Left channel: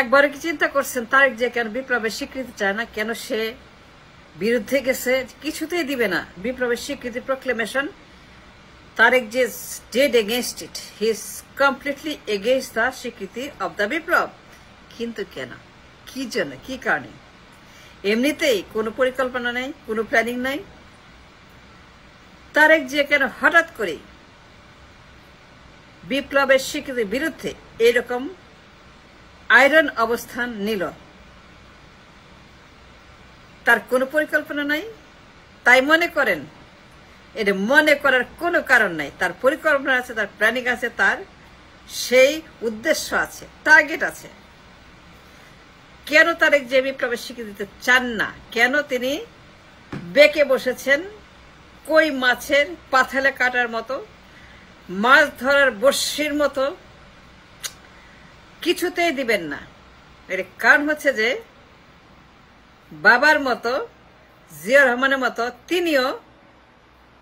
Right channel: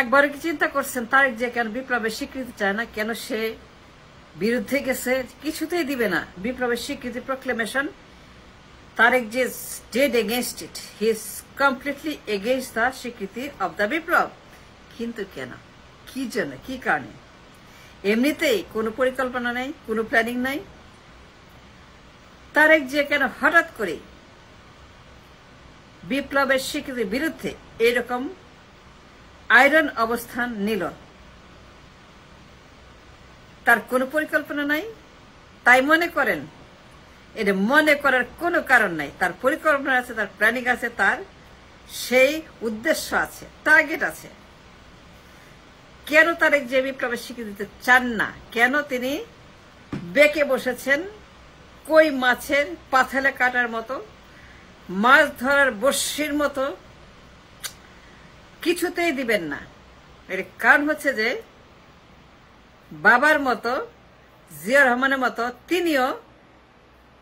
একবারও কি চিন্তা করছেন তারেক জিয়া কেন বিপ্লবের স্বীকৃতি চায় না? কেন সে বিরুদ্ধে গেছে? কিছুতেই দিবে না বিপ্লবের স্বীকৃতি proclamation. Tarique Zia is dead against it. He is completely against the স্বীকৃতি of the বিপ্লব। কিন্তু কেন? কি জন্য? কি কারণে? এমনিতেই কোনো পরিকল্পনা নাই, কোনো প্ল্যানিং নাই। তারেক জিয়া কেন হঠাৎ করে বিপ্লবের স্বীকৃতির বিরুদ্ধে এরকম আয়রন অবস্থান নিল? তার কোনো পরিকল্পনা নাই। তাই মনে করেন? এটা মনে করার কোনো কারণ নাই। তার পরিকল্পনা আছে, তার প্ল্যানিং আছে, তার সেই উদ্দেশ্য আছে, টার্গেট আছে। কেন তারেক যে বিপ্লবের স্বীকৃতি দিতে চান না? কেন তিনি বেঁকে বসেছেন কই মাছের পাথালে কাটার মতো, মাছ ধরার বড়শির মতো? কিছুতেই দিবেন না। এর কারণ হচ্ছে যে বাবার মতো, জিয়া রহমানের মতো তিনিও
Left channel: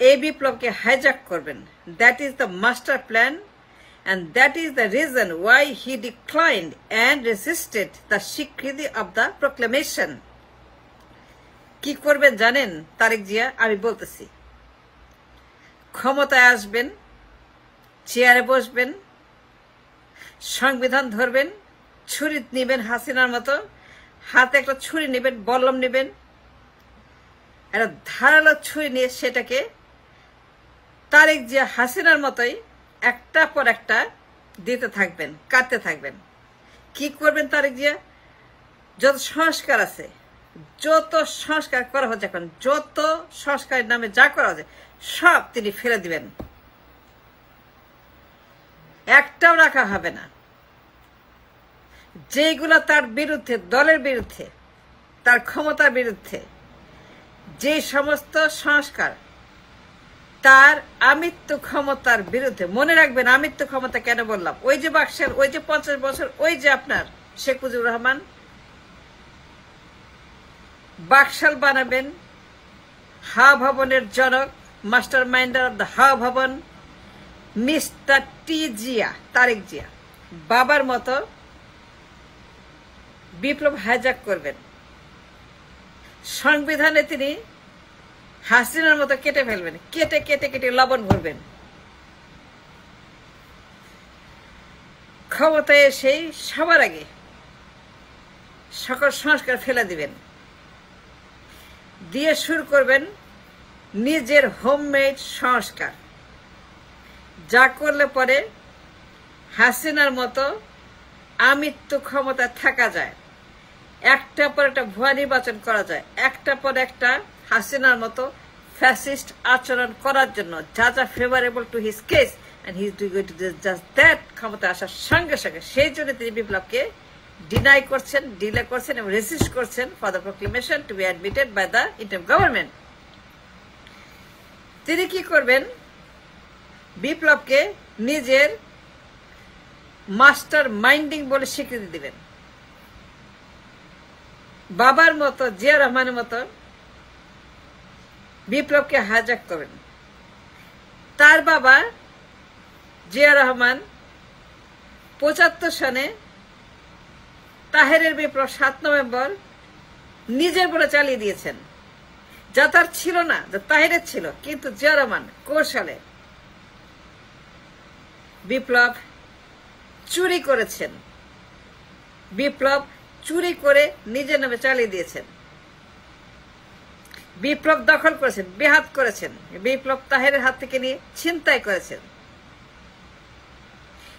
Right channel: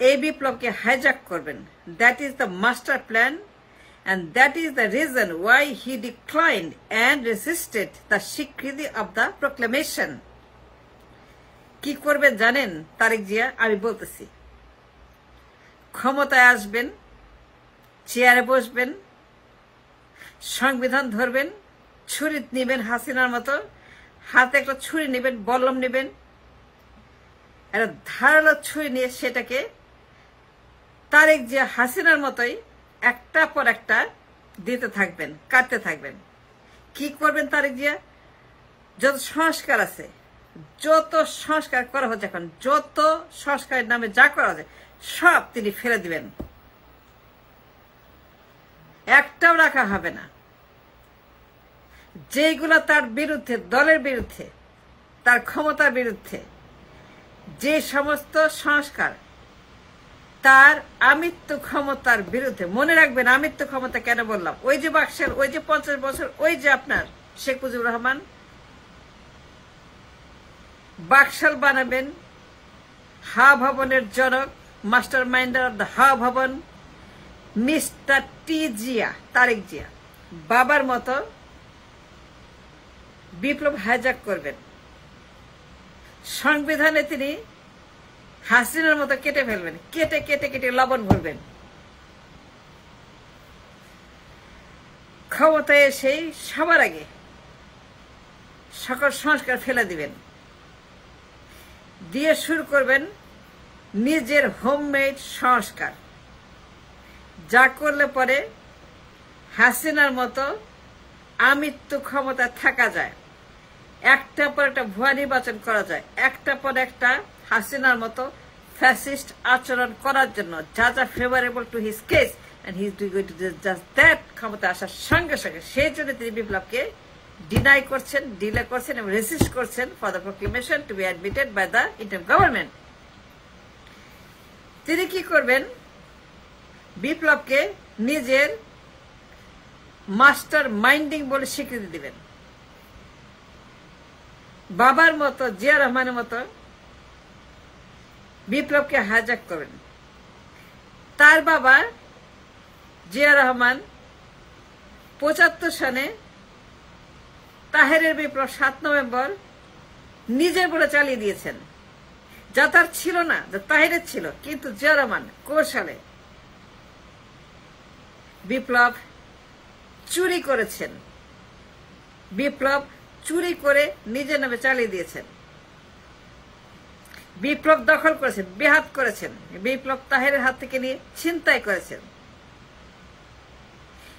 এই বিপ্লবকে হাইজ্যাক করবেন। That is the master plan and that is the reason why he declined and resisted the স্বীকৃতি of the proclamation. কি করবেন জানেন তারেক জিয়া? আমি বলতেছি, ক্ষমতায় আসবেন, চেয়ারে বসবেন, সংবিধান ধরবেন, ছুরি নেবেন হাসিনার মতো, হাতে একটা ছুরি নেবেন, বল্লম নেবেন, একটা ধারালো ছুরি নিয়ে সেটাকে তারেক জিয়া হাসিনার মতোই একটা পর একটা দিতে থাকবেন, কাটতে থাকবেন। কি করবেন তারেক জিয়া? যত সংস্কার আছে, যত সংস্কার করা হচ্ছে এখন, যত সংস্কারের নামে যা করা হচ্ছে সব তিনি ফেলে দিবেন, একটাও রাখা হবে না। যেগুলো তার বিরুদ্ধে, দলের বিরুদ্ধে, তার ক্ষমতার বিরুদ্ধে, যে সমস্ত সংস্কার তার আমিত্ব ক্ষমতার বিরুদ্ধে। মনে রাখবেন আমিত্ব ক্ষমতা কেন বললাম? ওই যে বাকশাল, ওই যে 50 বছর, ওই যে আপনার শেখ মুজিবুর রহমান বাকশাল বানাবেন, হাওয়া ভবনের জনক, মাস্টার মাইন্ডার অব দ্য হাওয়া ভবন মিস্টার টি জিয়া, তারেক জিয়া বাবার মতো বিপ্লব হাইজ্যাক করবেন। সংবিধানে তিনি হাসিনার মতো কেটে ফেলবেন, কেটে কেটে কেটে লবণ ভরবেন। ক্ষমতায় এসেই সবার আগে সকল সংস্কার ফেলে দিবেন, দিয়ে শুরু করবেন নিজের হোমমেড সংস্কার, যা করলে পরে হাসিনার মতো আমিত্ব ক্ষমতায় থাকা যায়, একটা পর একটা ভুয়া নির্বাচন করা যায়, একটা পর একটা হাসিনার মতো ফ্যাসিস্ট আচরণ করার জন্য যা যা favourable to his case, and he is doing it just that. ক্ষমতা আসার সঙ্গে সঙ্গে সেই জন্য তিনি বিপ্লবকে ডিনাই করছেন, ডিলে করছেন এবং রেজিস্ট করছেন for the proclamation to be admitted by the interim government. তিনি কি করবেন? বিপ্লবকে নিজের মাস্টার মাইন্ডিং বলে স্বীকৃতি দিবেন। বাবার মতো, জিয়া রহমানের মতো বিপ্লবকে হাইজ্যাক করবেন। তার বাবা জিয়া রহমান 75 সনে তাহেরের বিপ্লব 7 নভেম্বর নিজের বলে চালিয়ে দিয়েছেন, যা তার ছিল না, যা তাহেরের ছিল। কিন্তু জিয়া রহমান কৌশলে বিপ্লব চুরি করেছেন, বিপ্লব চুরি করে নিজের নামে চালিয়ে দিয়েছেন, বিপ্লব দখল করেছেন, বেহাত করেছেন, বিপ্লব তাহেরের হাত থেকে নিয়ে ছিনতাই করেছেন।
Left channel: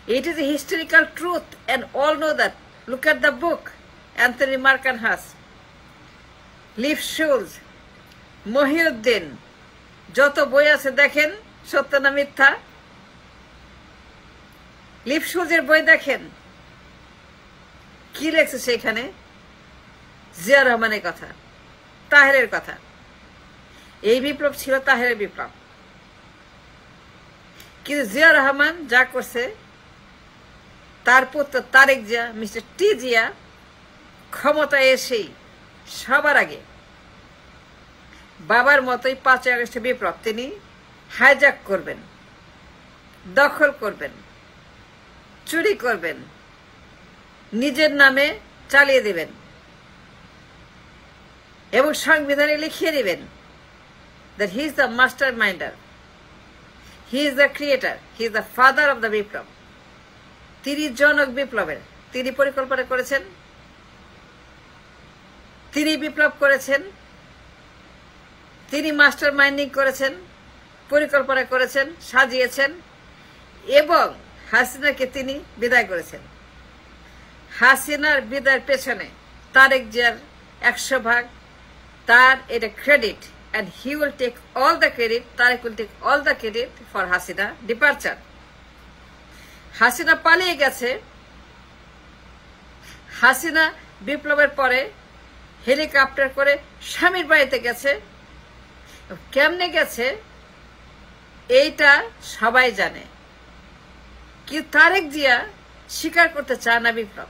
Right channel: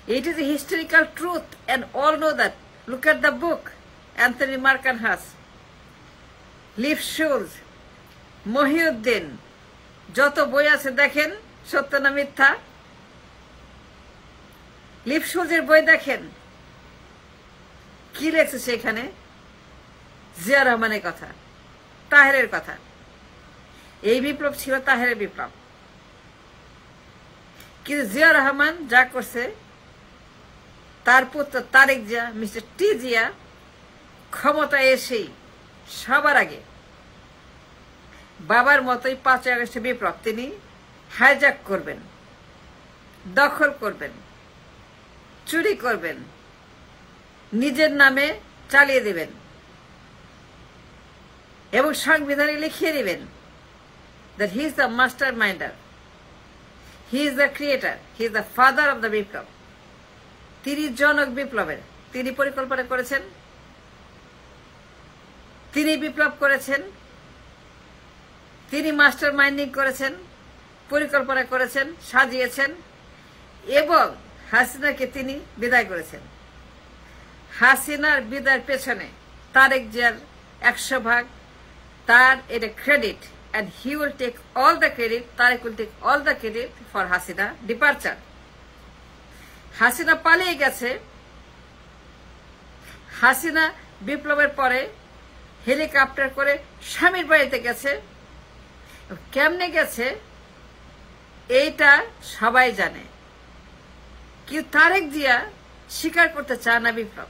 It is a historical truth and all know that. Look at the book Anthony Markenhaus, Leif Schulz, Mohiuddin, যত বই আছে দেখেন, সত্য না মিথ্যা। লিফ শুলজের বই দেখেন, কি লেখছে সেখানে? জিয়া রহমানের কথা, তাহেরের কথা। এই বিপ্লব ছিল তাহেরের বিপ্লব। কিন্তু জিয়া রহমান যা করছে, তার পুত্র তারেক জিয়া, মিস্টার টি জিয়া ক্ষমতায় এসেই সবার আগে বাবার মতোই 5 আগস্টে বিপ্লব তিনি হাইজ্যাক করবেন, দখল করবেন, চুরি করবেন, নিজের নামে চালিয়ে দেবেন এবং সংবিধানে লিখিয়ে দিবেন that he is the masterminder, he is the creator, he is the father of the বিপ্লব। তিনি জনক বিপ্লবের, তিনি পরিকল্পনা করেছেন, তিনি বিপ্লব করেছেন, তিনি মাস্টার মাইন্ডিং করেছেন, পরিকল্পনা করেছেন, সাজিয়েছেন এবং হাসিনাকে তিনি বিদায় করেছেন। হাসিনার বিদায়ের পেছনে তারেক জিয়ার 100% তার এটা credit, and he will take all the credit, Tariq will take all the credit for Hasina departure. Hasina পালিয়ে গেছে। হাসিনা বিপ্লবের পরে হেলিকপ্টার করে স্বামীর বাড়িতে গেছে। কেমনে গেছে এইটা সবাই জানে, কিন্তু তারেক জিয়া স্বীকার করতে চায় না বিপ্লব।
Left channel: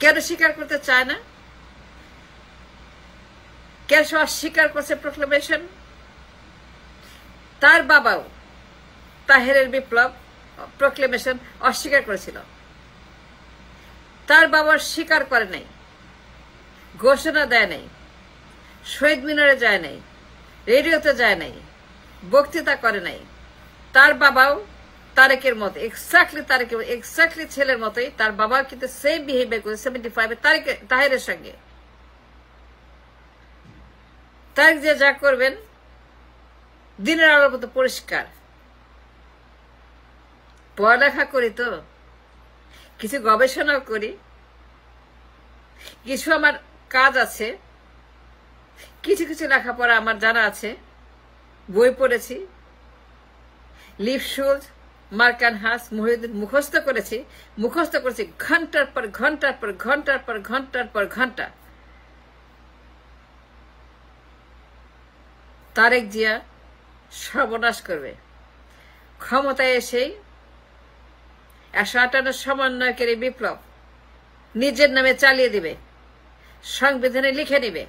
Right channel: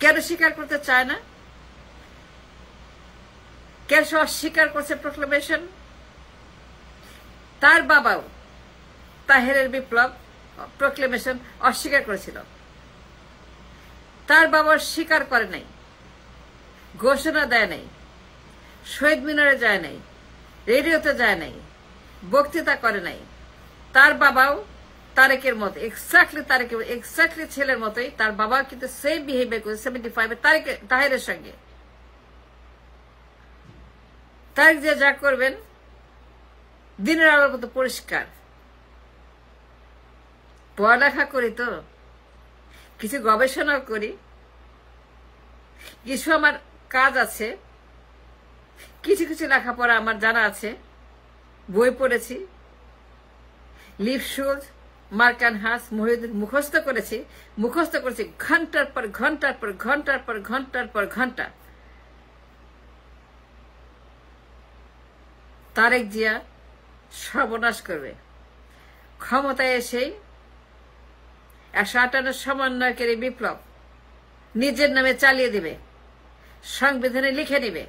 কেন স্বীকার করতে চায় না? কেন অস্বীকার করছে প্রক্লেমেশন? তার বাবাও তাহেরের বিপ্লব প্রক্লেমেশন অস্বীকার করেছিল। তার বাবা স্বীকার করে নাই, ঘোষণা দেয় নাই, শহীদ মিনারে যায় নাই, রেডিওতে যায় নাই, বক্তৃতা করে নাই। তার বাবাও তারেকের মতো এক্স্যাক্টলি ছেলের মতোই তার বাবা কিন্তু সেম বিহেভিয়ার করে 75 তাহেরের সঙ্গে। তারেক জিয়া যা করবেন দিনের আলোর মতো পরিষ্কার। পড়ালেখা করি তো, কিছু গবেষণাও করি, কিছু আমার কাজ আছে, কিছু কিছু লেখাপড়া আমার জানা আছে, বই পড়েছি, লিপশুল, মার্কানহাস, মহিউদ্দিন মুখস্থ করেছি ঘন্টার পর ঘন্টার পর ঘন্টার পর ঘন্টার পর ঘন্টা। তারেক জিয়া সর্বনাশ করবে। ক্ষমতায় এসেই 158 সমন্বয়কারী বিপ্লব নিজের নামে চালিয়ে দিবে, সংবিধানে লিখে নিবে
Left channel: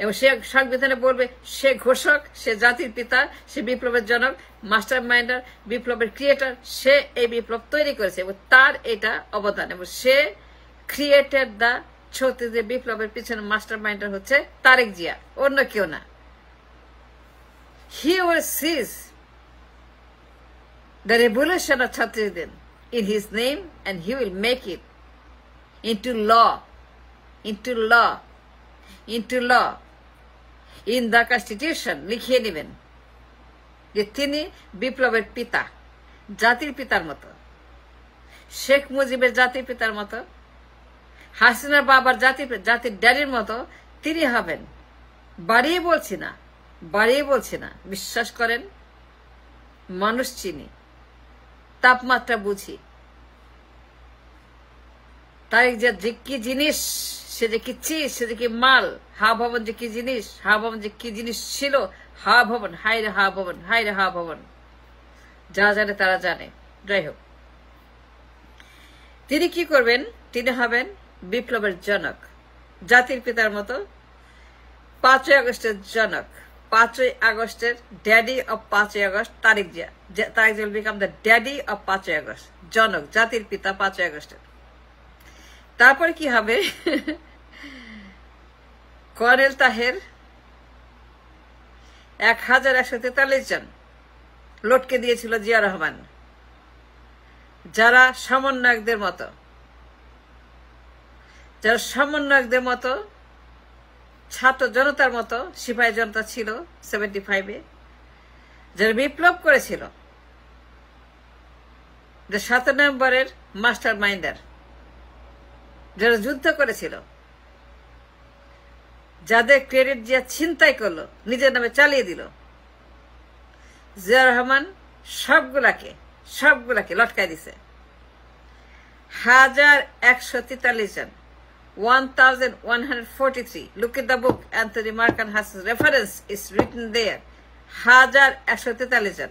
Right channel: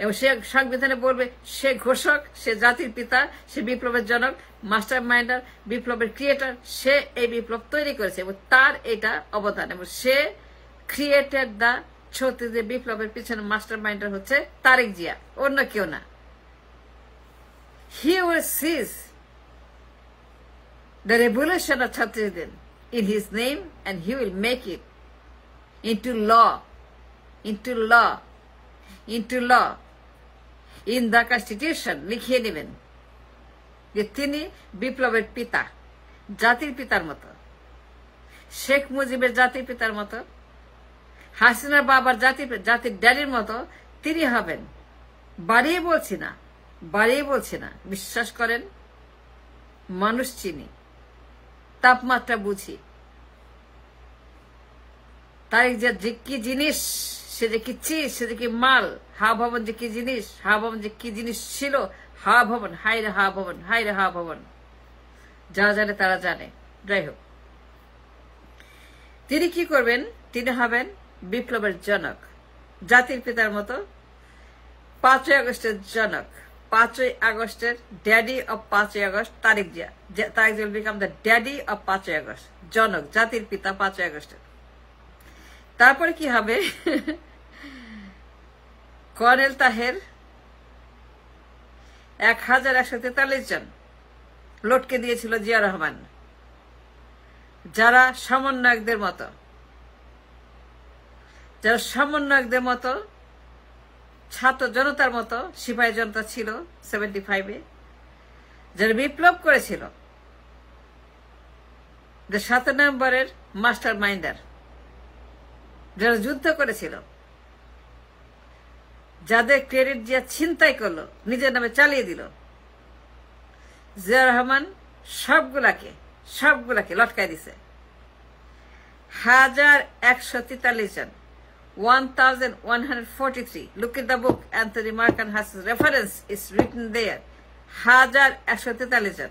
এবং সে সংবিধানে বলবে সে ঘোষক, সে জাতির পিতা, সে বিপ্লবের জনক, মাস্টার মাইন্ডার, বিপ্লবের ক্রিয়েটর, সে এই বিপ্লব তৈরি করেছে এবং তার এটা অবদান এবং সে ক্রিয়েটেড দ্য 36 বিপ্লবের পিছনে মাস্টার মাইন্ডার হচ্ছে তারেক জিয়া, অন্য কেউ না। He will seize the revolution of 36 in his name and he will make it into law, in the constitution লিখিয়ে নেবেন যে তিনি বিপ্লবের পিতা, জাতির পিতার মতো, শেখ মুজিবের জাতির পিতার মতো, হাসিনা বাবার জাতির ড্যাডির মতো তিনি হবেন। বাড়িয়ে বলছি না, বিশ্বাস করেন, মানুষ চিনি, তাপমাত্রা বুঝি। তারেক যে কি জিনিস, সে যে কি চিজ, সে যে কি মাল, হাওয়া ভবন যে কি জিনিস, হাওয়া ভবন যে কি জিনিস ছিল, হাওয়া ভবন, হাইরে হাওয়া ভবন, যারা জানে তারা জানে। যাই হোক, তিনি কি করবেন? তিনি হবেন বিপ্লবের জনক, জাতির পিতার মতো, 5ই আগস্টের জনক, 5ই আগস্টের ড্যাডি অফ 5ই August Tarique Zia. Tarique Zia will become the daddy of 5ই আগস্ট, জনক, জাতির পিতা 5ই আগস্টের। তারপরে কি হবে? কর্নেল তাহের 1143 জন লটকে দিয়েছিল জিয়া রহমান, যারা সমন্বয়কদের মতো ছাত্র জনতার মতো সিপাহী জনতা ছিল 75-এ, যারা বিপ্লব করেছিল, যে 7 নভেম্বরের মাস্টার মাইন্ডার, যারা যুদ্ধ করেছিল, যাদের ক্রেডিট জিয়া ছিনতাই করলো, নিজের নামে চালিয়ে দিল, জিয়া রহমান সবগুলাকে লটকাই দিছে। 1143 জন, 1143. Look at the book. Anthony Markenhas's reference is written there. 1143 জন।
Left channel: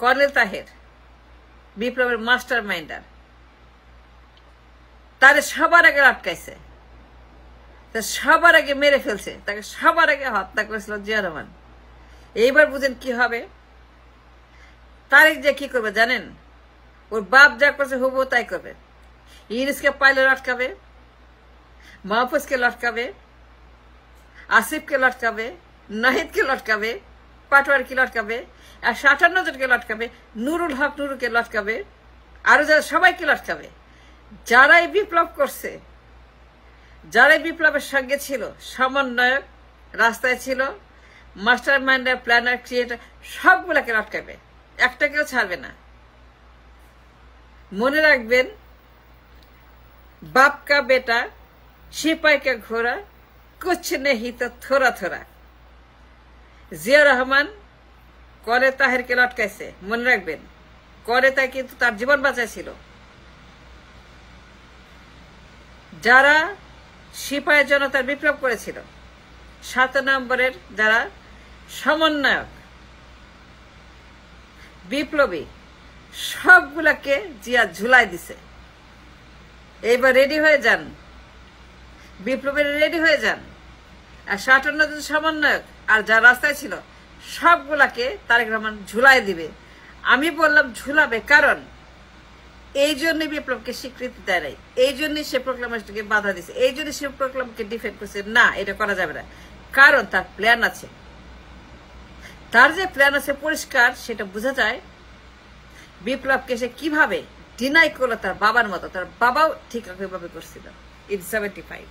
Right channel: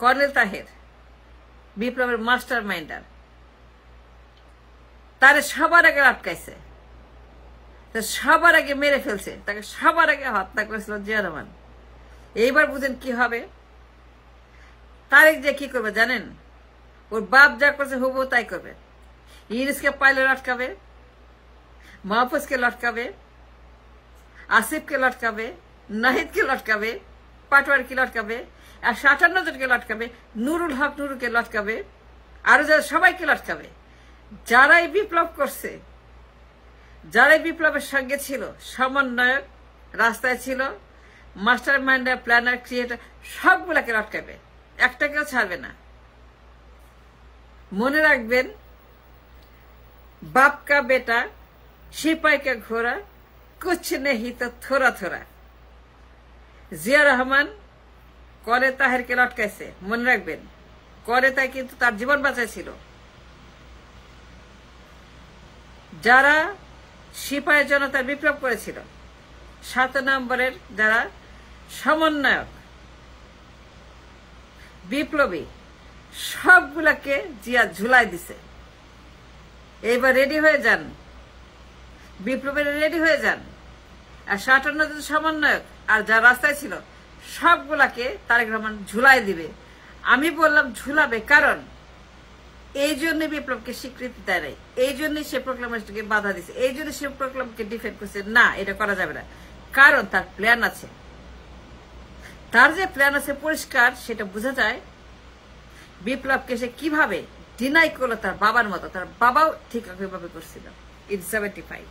কর্নেল তাহের বিপ্লবের মাস্টার মাইন্ডার, তারে সবার আগে আটকাইছে, সবার আগে মেরে ফেলছে, তাকে সবার আগে হত্যা করেছিল জিয়া রহমান। এইবার বুঝেন কি হবে? তারেক যে কি করবে জানেন? ওর বাপ যা করছে হবো তাই করবে। ইউনুসকে পাইলে লটকাবে, মাহফুজকে লটকাবে, আসিফকে লটকাবে, নাহিদকে লটকাবে, পাটোয়ারিকে লটকাবে, 158 জনকে লটকাবে, নুরুল হক নুরুকে লটকাবে, আরো যারা সবাইকে লটকাবে। যারাই বিপ্লব করছে, যারাই বিপ্লবের সঙ্গে ছিল, সমন্বয়ক রাস্তায় ছিল, মাস্টার মাইন্ডার, প্ল্যানার, ক্রিয়েটার, সবগুলোকে লটকাবে, একটাকেও ছাড়বে না। মনে রাখবেন, बाप का बेटा सिपाही का घोड़ा कुछ नहीं तो थोड़ा थोड़ा। জিয়া রহমান করে তাহেরকে লটকাইছে, মনে রাখবেন। করে তাই কিন্তু তার জীবন বাঁচাইছিল। যারা সিপাহী জনতার বিপ্লব করেছিল, 7 নম্বরের যারা সমন্বয়ক বিপ্লবী, সবগুলাকে জিয়া ঝুলাই দিছে। এইবার রেডি হয়ে যান, বিপ্লবের রেডি হয়ে যান। আর 57 জন সমন্বয়ক আর যা রাস্তায় ছিল সবগুলাকে তারেক রহমান ঝুলাই দিবে। আমি বললাম ঝুলাবে, কারণ এই জন্য বিপ্লবকে স্বীকৃতি দেয় নাই, এই জন্যই সে প্রোক্লামেশনকে বাধা দিচ্ছে, এই জন্য সে প্রোক্লামকে ডিফেন্ড করছে। না, এটা করা যাবে না, কারণ তার প্ল্যান আছে। তার যে প্ল্যান আছে পরিষ্কার, সেটা বোঝা যায় বিপ্লবকে সে কিভাবে ডিনাই করলো তার বাবার মতো। তার বাবাও ঠিক একইভাবে করছিল ইন 75।